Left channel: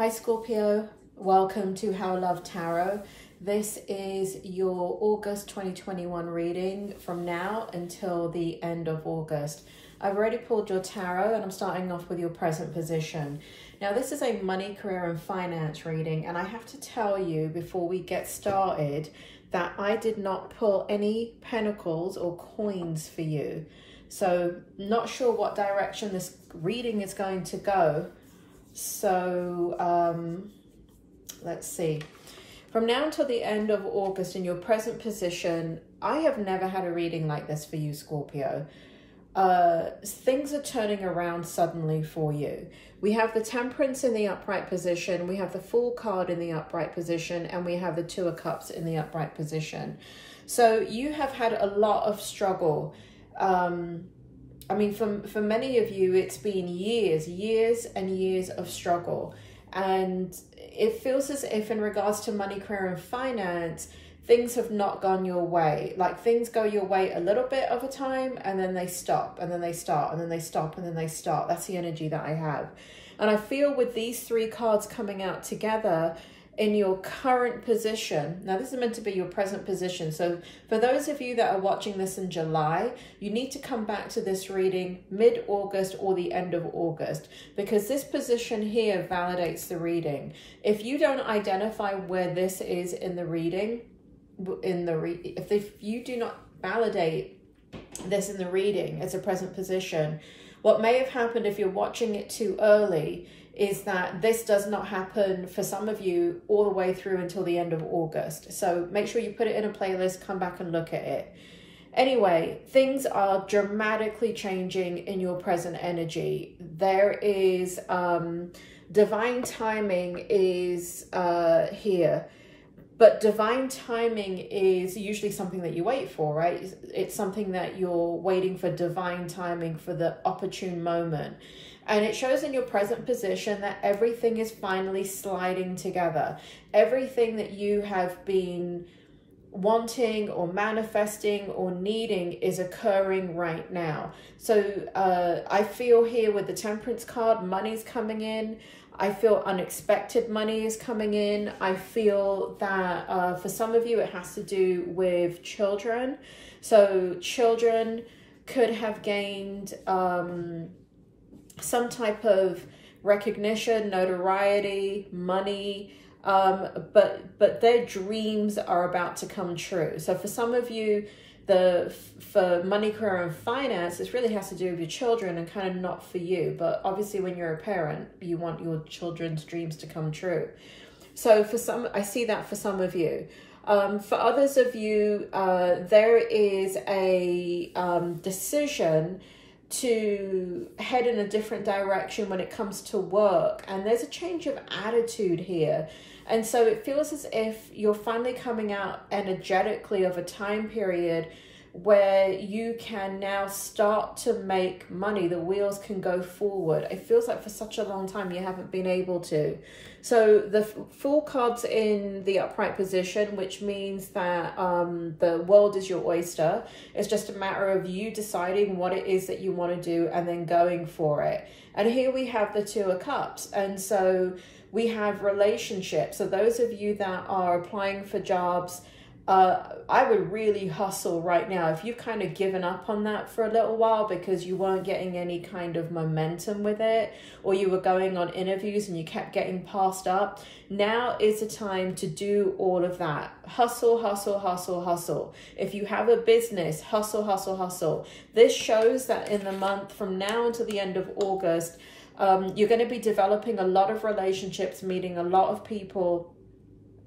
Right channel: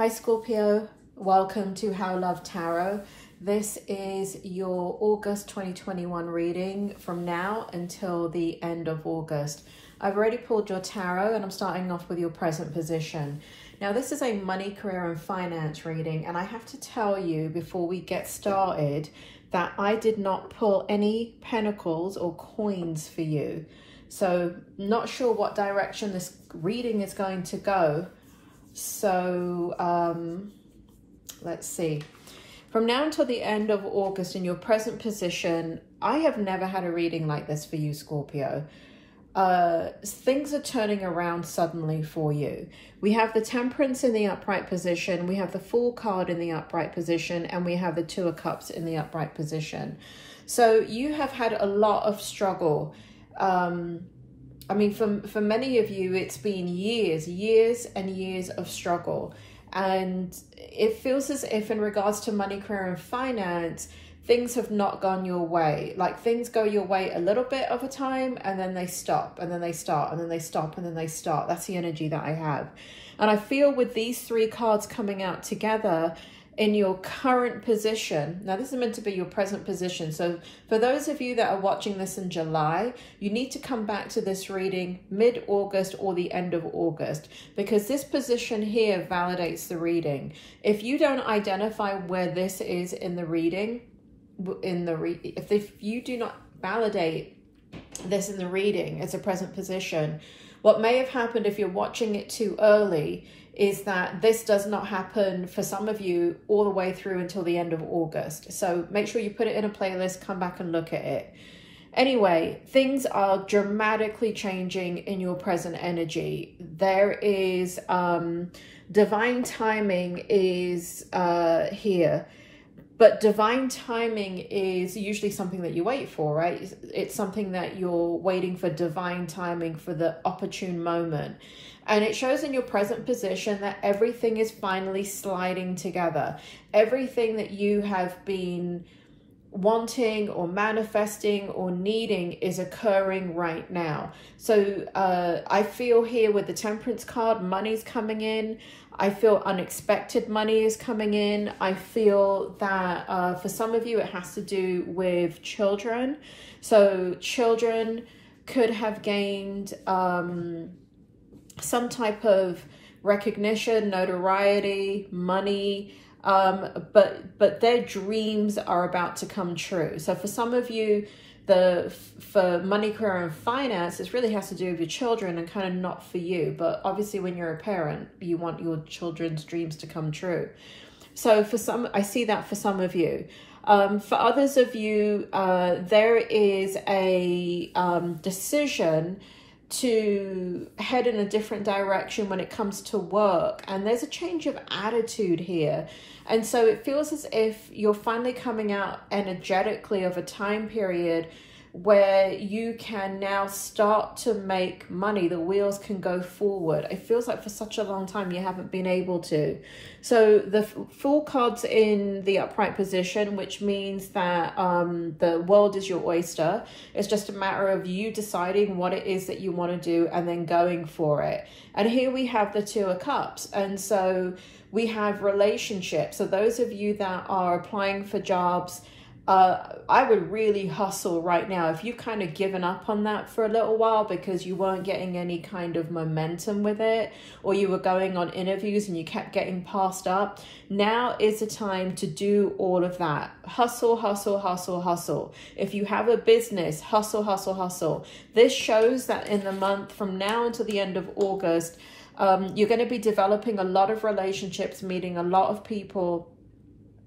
Hi Scorpio, welcome to How Love Tarot. This is your August 2021 reading from now until the end of August. I've already pulled your tarot and I'm starting off with your present position. Now this is a money, career and finance reading, and I have to tell you before we get started that I did not pull any pentacles or coins for you. So not sure what direction this reading is going to go. So let's see. From now until the end of August in your present position, I have never had a reading like this for you, Scorpio. Things are turning around suddenly for you. We have the Temperance in the upright position, we have the Fool card in the upright position, and we have the Two of Cups in the upright position. So you have had a lot of struggle. I mean, for many of you, it's been years and years of struggle. And it feels as if in regards to money, career and finance, things have not gone your way. Like things go your way a little bit of a time and then they stop and then they start and then they stop and then they start. That's the energy that I have. And I feel with these three cards coming out together in your current position, now this is meant to be your present position, so for those of you that are watching this in July, you need to come back to this reading mid-August or the end of August, because this position here validates the reading. If you don't identify where this is in the reading, if you do not validate this in the reading as a present position, what may have happened if you're watching it too early is that this does not happen for some of you all the way through until the end of August. So make sure you put it in a playlist, come back and look at it. Anyway, things are dramatically changing in your present energy. There is divine timing is here. But divine timing is usually something that you wait for, right? It's something that you're waiting for, divine timing, for the opportune moment. And it shows in your present position that everything is finally sliding together. Everything that you have been wanting or manifesting or needing is occurring right now. So I feel here with the Temperance card, money's coming in. I feel unexpected money is coming in. I feel that for some of you, it has to do with children. So children could have gained some type of recognition, notoriety, money, but their dreams are about to come true. So for some of you, for money, career and finance, this really has to do with your children and kind of not for you. But obviously when you're a parent, you want your children's dreams to come true. So for some, I see that for some of you. For others of you, there is a decision to head in a different direction when it comes to work, and there's a change of attitude here. And so it feels as if you're finally coming out energetically of a time period where you can now start to make money. The wheels can go forward. It feels like for such a long time you haven't been able to. So the Fool card's in the upright position, which means that the world is your oyster. It's just a matter of you deciding what it is that you want to do and then going for it. And here we have the Two of Cups. And so we have relationships. So those of you that are applying for jobs, I would really hustle right now. If you've kind of given up on that for a little while because you weren't getting any kind of momentum with it, or you were going on interviews and you kept getting passed up, now is the time to do all of that. Hustle, hustle, hustle, hustle. If you have a business, hustle, hustle, hustle. This shows that in the month from now until the end of August, you're going to be developing a lot of relationships, meeting a lot of people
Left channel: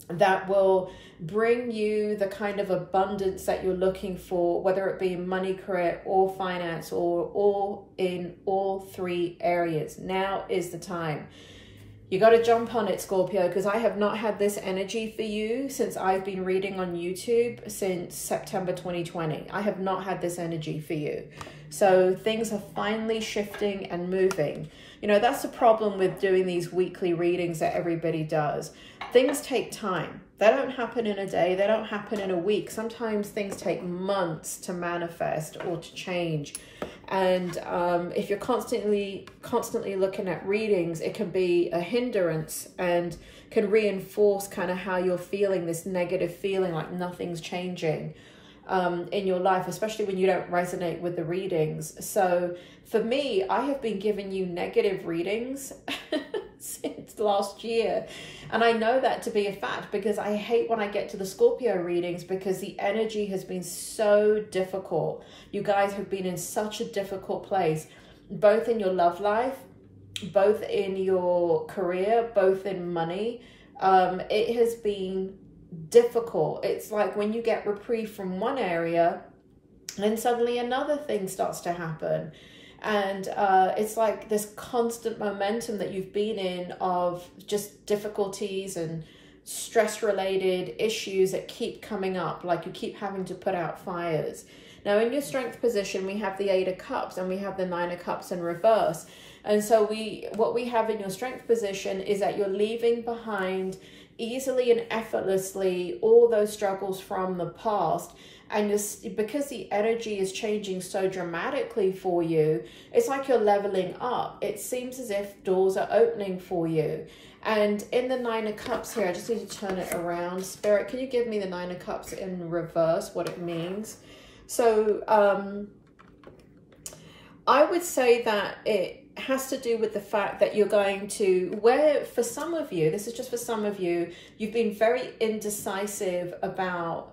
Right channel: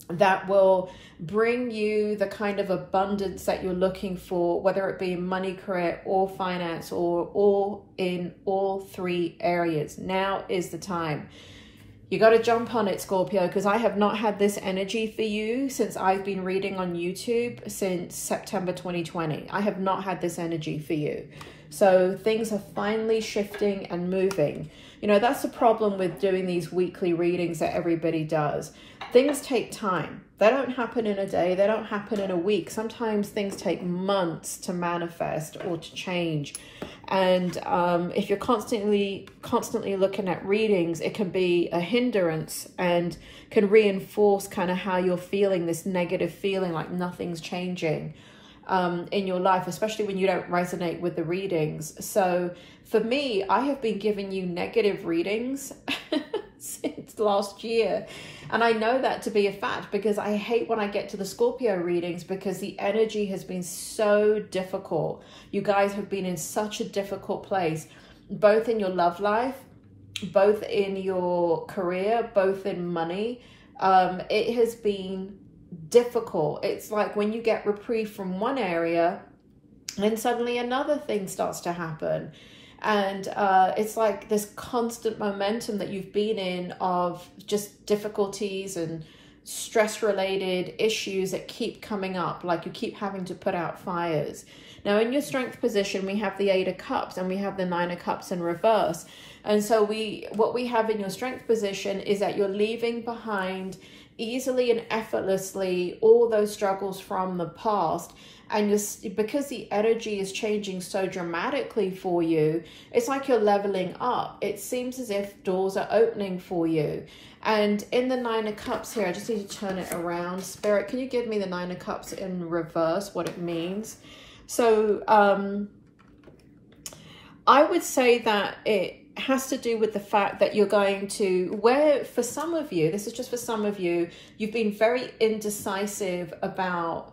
that will bring you the kind of abundance that you're looking for, whether it be money, career or finance, or all in all three areas. Now is the time. You got to jump on it, Scorpio, because I have not had this energy for you since I've been reading on YouTube since September 2020. I have not had this energy for you. So things are finally shifting and moving. You know, that's the problem with doing these weekly readings that everybody does. Things take time. They don't happen in a day. They don't happen in a week. Sometimes things take months to manifest or to change. And if you're constantly looking at readings, it can be a hindrance and can reinforce kind of how you're feeling, this negative feeling like nothing's changing in your life, especially when you don't resonate with the readings. So for me, I have been giving you negative readings since last year. And I know that to be a fact because I hate when I get to the Scorpio readings because the energy has been so difficult. You guys have been in such a difficult place, both in your love life, both in your career, both in money. It has been difficult. It's like when you get reprieve from one area, then suddenly another thing starts to happen. And it's like this constant momentum that you've been in of just difficulties and stress-related issues that keep coming up, like you keep having to put out fires. Now, in your strength position, we have the 8 of Cups and we have the 9 of Cups in reverse. And so what we have in your strength position is that you're leaving behind easily and effortlessly all those struggles from the past. And just because the energy is changing so dramatically for you, it's like you're leveling up. It seems as if doors are opening for you. And in the 9 of Cups here, I just need to turn it around. Spirit, can you give me the 9 of Cups in reverse, what it means? So I would say that it has to do with the fact that you're going to, where for some of you, this is just for some of you, you've been very indecisive about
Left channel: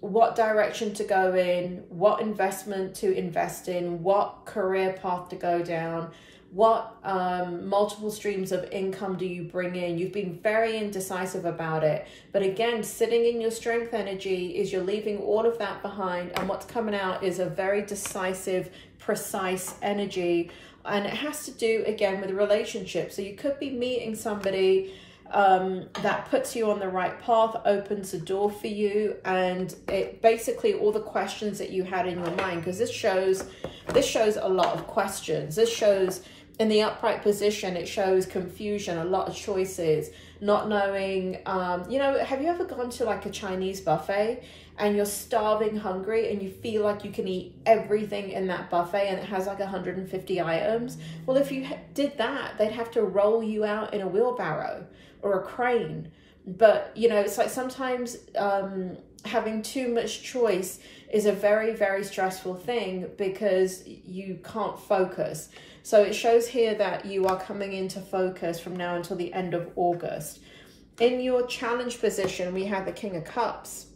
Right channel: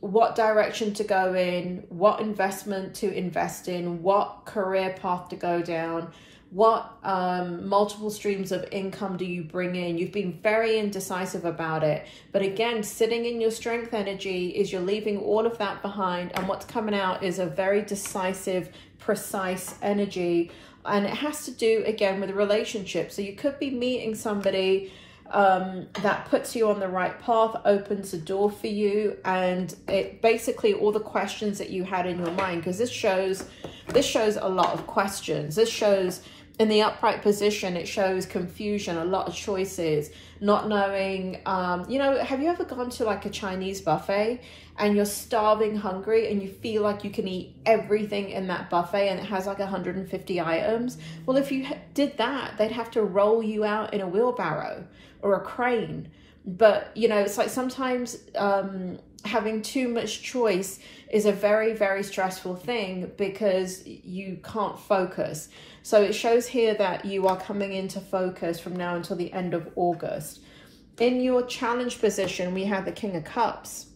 what direction to go in, what investment to invest in, what career path to go down, what multiple streams of income do you bring in. You've been very indecisive about it. But again, sitting in your strength energy is you're leaving all of that behind. And what's coming out is a very decisive, precise energy. And it has to do, again, with a relationship. So you could be meeting somebody that puts you on the right path, opens the door for you, and it basically all the questions that you had in your mind, because this shows a lot of questions. This shows in the upright position, it shows confusion, a lot of choices, not knowing, you know, have you ever gone to like a Chinese buffet and you're starving hungry and you feel like you can eat everything in that buffet and it has like 150 items? Well, if you did that, they'd have to roll you out in a wheelbarrow or a crane. But, you know, it's like sometimes having too much choice is a very, very stressful thing because you can't focus. So it shows here that you are coming into focus from now until the end of August. In your challenge position, we have the King of Cups.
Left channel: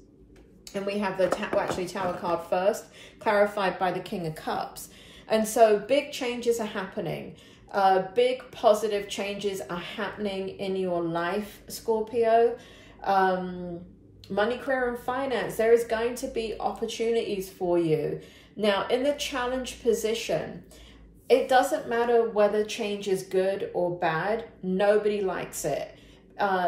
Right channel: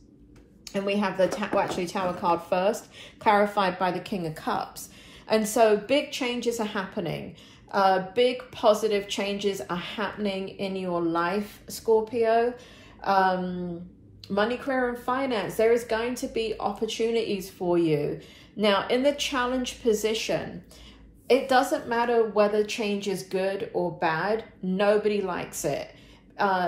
And we have the Tower card first, clarified by the King of Cups. And so big changes are happening. Big positive changes are happening in your life, Scorpio. Money, career, and finance. There is going to be opportunities for you. Now, in the challenge position, it doesn't matter whether change is good or bad. Nobody likes it.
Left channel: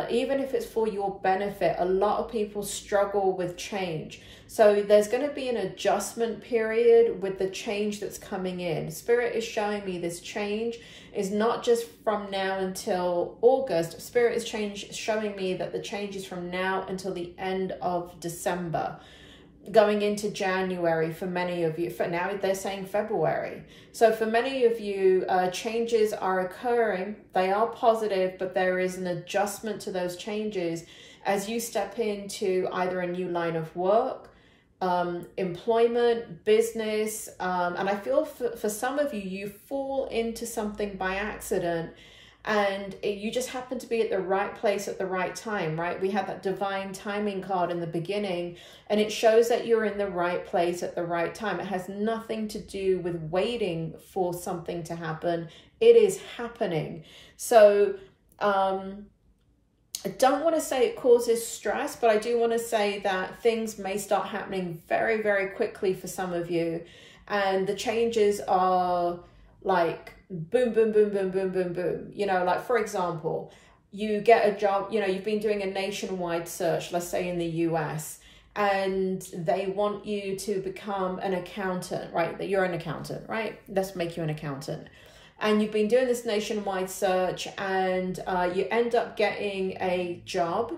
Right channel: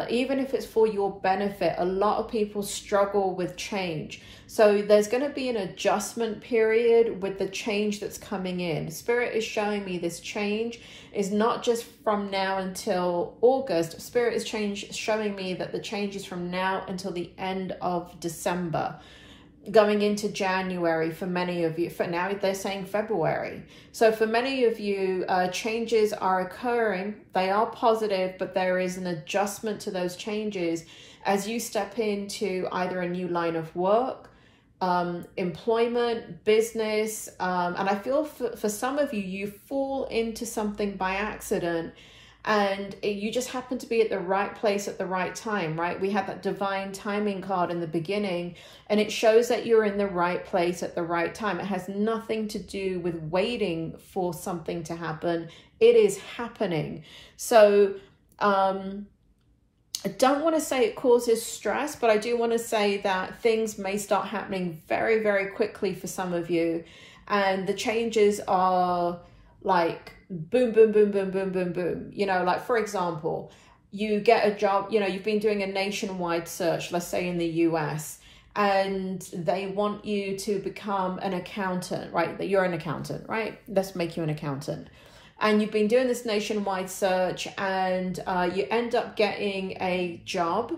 Even if it's for your benefit, a lot of people struggle with change. So there's going to be an adjustment period with the change that's coming in. Spirit is showing me this change is not just from now until August. Spirit is showing me that the change is from now until the end of December, going into January for many of you. For now, they're saying February. So for many of you, changes are occurring. They are positive, but there is an adjustment to those changes as you step into either a new line of work, employment, business. And I feel for some of you, you fall into something by accident and you just happen to be at the right place at the right time, right? We have that divine timing card in the beginning, and it shows that you're in the right place at the right time. It has nothing to do with waiting for something to happen. It is happening. So I don't want to say it causes stress, but I do want to say that things may start happening very, very quickly for some of you. And the changes are like boom, boom, boom, boom, boom, boom, boom. You know, like for example, you get a job, you know, you've been doing a nationwide search, let's say in the US, and they want you to become an accountant, right? That you're an accountant, right? Let's make you an accountant. and you've been doing this nationwide search, and you end up getting a job.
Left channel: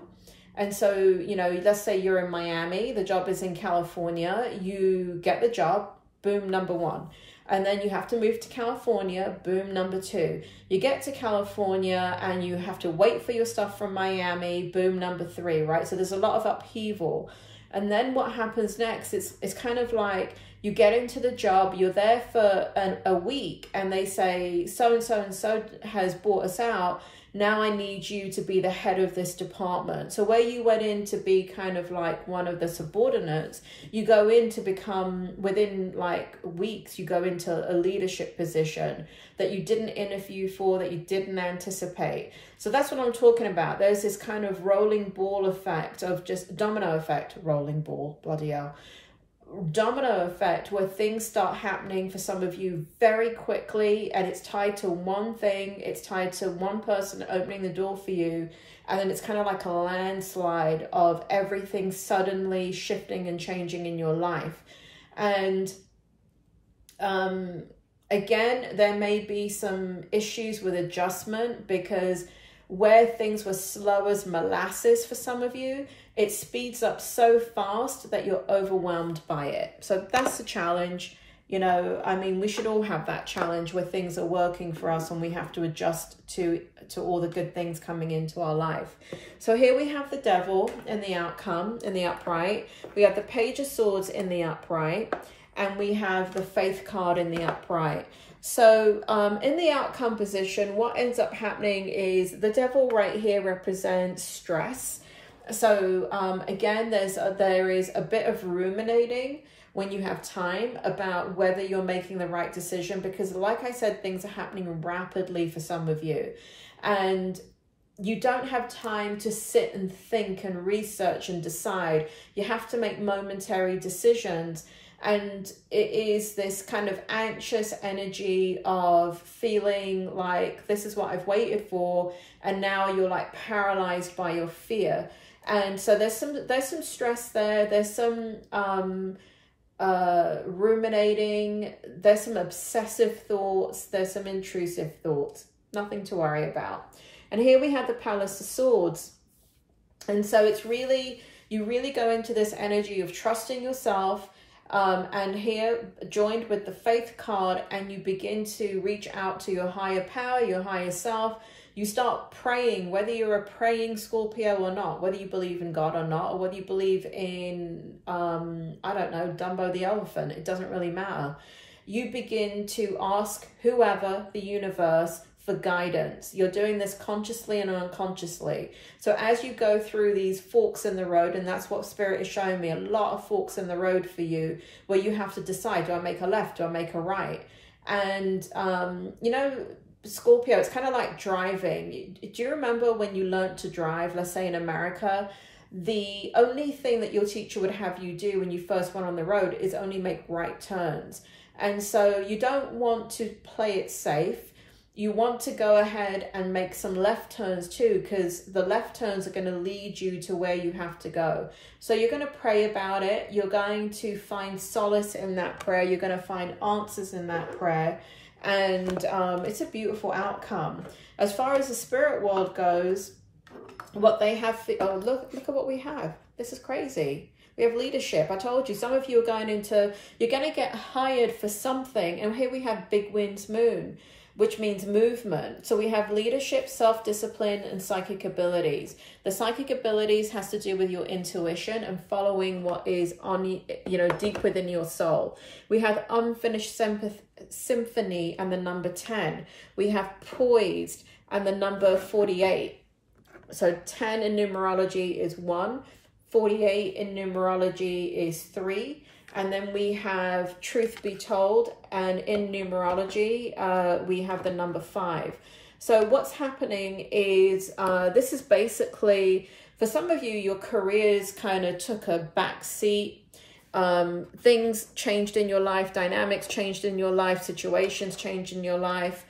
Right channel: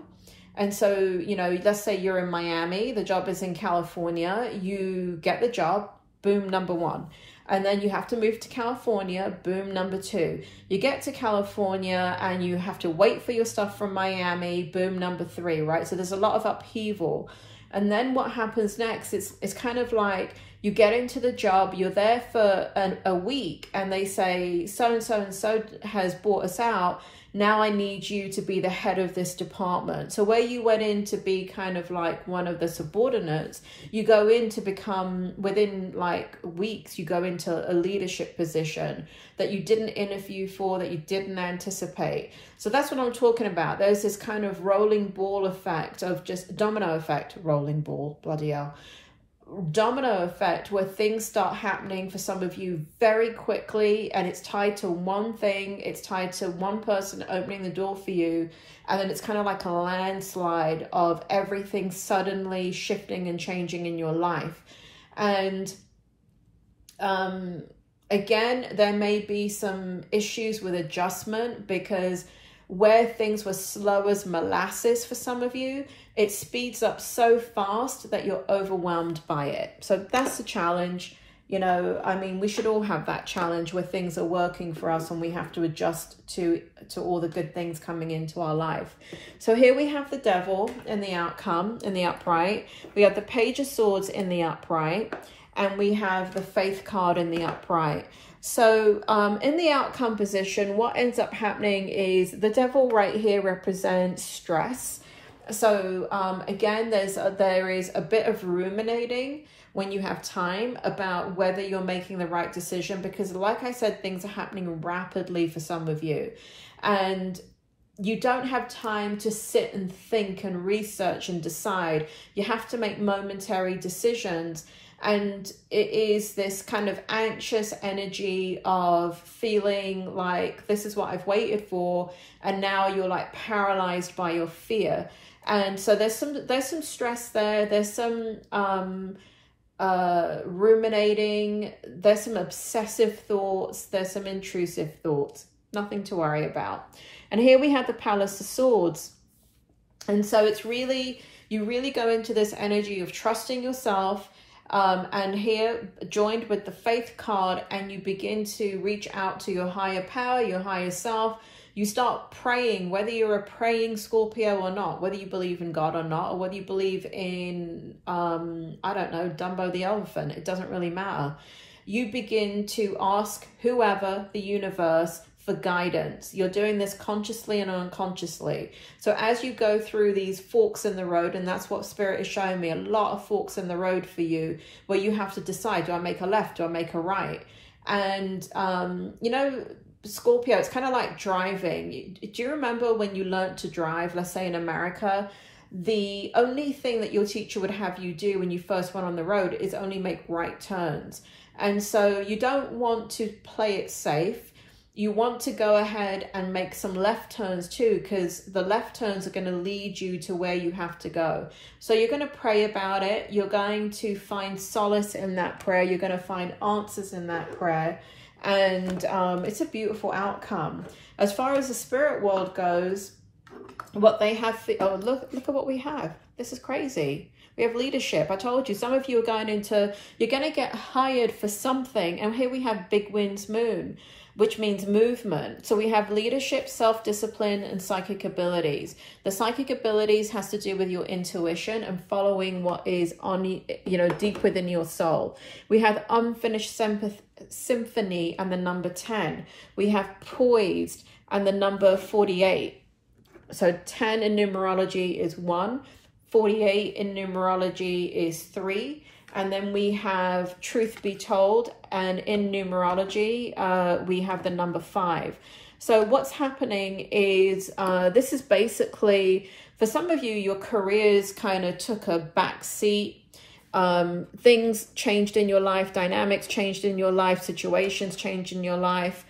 And so, you know, let's say you're in Miami, the job is in California, you get the job, boom, number one. And then you have to move to California, boom, number two. You get to California and you have to wait for your stuff from Miami, boom, number three, right? So there's a lot of upheaval. And then what happens next, it's kind of like you get into the job, you're there for a week, and they say, so-and-so and so has bought us out. Now I need you to be the head of this department. So where you went in to be kind of like one of the subordinates, you go in to become, within like weeks, you go into a leadership position that you didn't interview for, that you didn't anticipate. So that's what I'm talking about. There's this kind of rolling ball effect of just domino effect, rolling ball, bloody hell. Domino effect where things start happening for some of you very quickly, and it's tied to one thing, it's tied to one person opening the door for you, and then it's kind of like a landslide of everything suddenly shifting and changing in your life. And again, there may be some issues with adjustment, because where things were slow as molasses for some of you, it speeds up so fast that you're overwhelmed by it. So that's the challenge. You know, I mean, we should all have that challenge where things are working for us and we have to adjust to all the good things coming into our life. So here we have the Devil in the outcome, in the upright. We have the Page of Swords in the upright, and we have the Faith card in the upright. So in the outcome position, what ends up happening is the Devil right here represents stress. So again, there is a bit of ruminating when you have time about whether you're making the right decision, because like I said, things are happening rapidly for some of you, and you don't have time to sit and think and research and decide. You have to make momentary decisions. And it is this kind of anxious energy of feeling like this is what I've waited for, and now you're like paralyzed by your fear. And so there's some stress there. There's some ruminating. There's some obsessive thoughts. There's some intrusive thoughts. Nothing to worry about. And here we have the Palace of Swords. And so it's really, you really go into this energy of trusting yourself. And here joined with the Faith card, and you begin to reach out to your higher power, your higher self. You start praying, whether you're a praying Scorpio or not, whether you believe in God or not, or whether you believe in, I don't know, Dumbo the elephant. It doesn't really matter. You begin to ask whoever, the universe, for guidance. You're doing this consciously and unconsciously. So as you go through these forks in the road, and that's what Spirit is showing me, a lot of forks in the road for you, where you have to decide, do I make a left? Do I make a right? And, you know, Scorpio, it's kind of like driving. Do you remember when you learned to drive, let's say in America, the only thing that your teacher would have you do when you first went on the road is only make right turns. And so you don't want to play it safe. You want to go ahead and make some left turns too, because the left turns are going to lead you to where you have to go. So you're going to pray about it. You're going to find solace in that prayer. You're going to find answers in that prayer. And it's a beautiful outcome. As far as the spirit world goes, what they have, oh, look at what we have. This is crazy. We have leadership. I told you, some of you are going into, you're going to get hired for something. And here we have Big Winds Moon, which means movement. So we have leadership, self-discipline, and psychic abilities. The psychic abilities has to do with your intuition and following what is on, you know, deep within your soul. We have unfinished symphony and the number 10. We have poised and the number 48. So 10 in numerology is 1. 48 in numerology is 3. And then we have truth be told, and in numerology, we have the number 5. So what's happening is, this is basically, for some of you, your careers kind of took a back seat. Things changed in your life, dynamics changed in your life, situations changed in your life.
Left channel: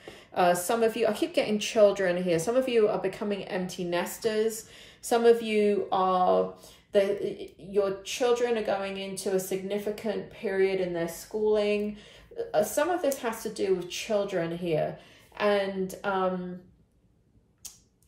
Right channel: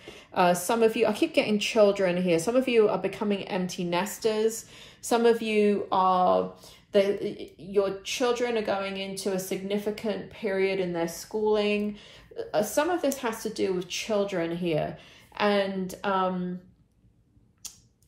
Some of you, I keep getting children here. Some of you are becoming empty nesters. Some of you are... your children are going into a significant period in their schooling. Some of this has to do with children here. And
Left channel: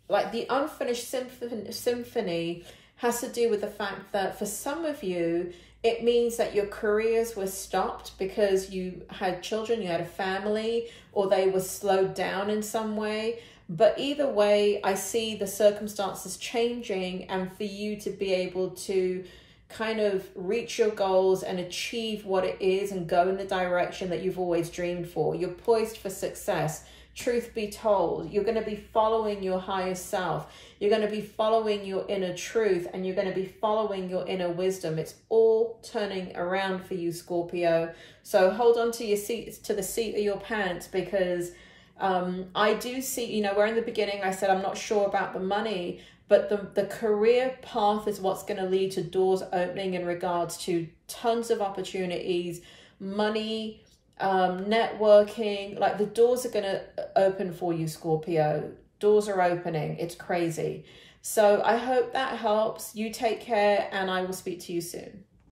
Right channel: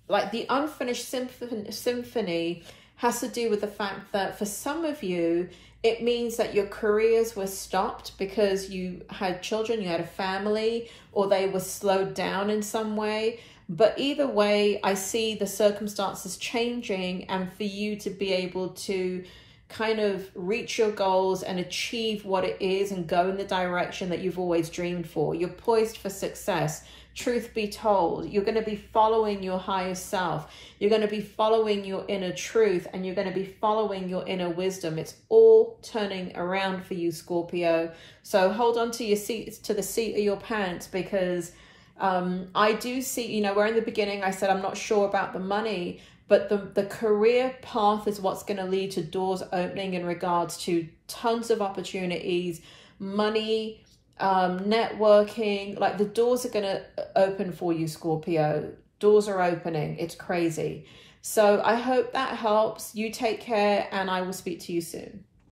like the unfinished symphony has to do with the fact that for some of you, it means that your careers were stopped because you had children, you had a family, or they were slowed down in some way. But either way, I see the circumstances changing, and for you to be able to kind of reach your goals and achieve what it is and go in the direction that you've always dreamed for. You're poised for success. Truth be told, you're going to be following your higher self. You're going to be following your inner truth, and you're going to be following your inner wisdom. It's all turning around for you, Scorpio. So hold on to your seats, to the seat of your pants, because I do see, you know, where in the beginning I said I'm not sure about the money, but the career path is what's going to lead to doors opening in regards to tons of opportunities, money, networking. Like the doors are going to open for you, Scorpio. Doors are opening. It's crazy. So I hope that helps. You take care, and I will speak to you soon.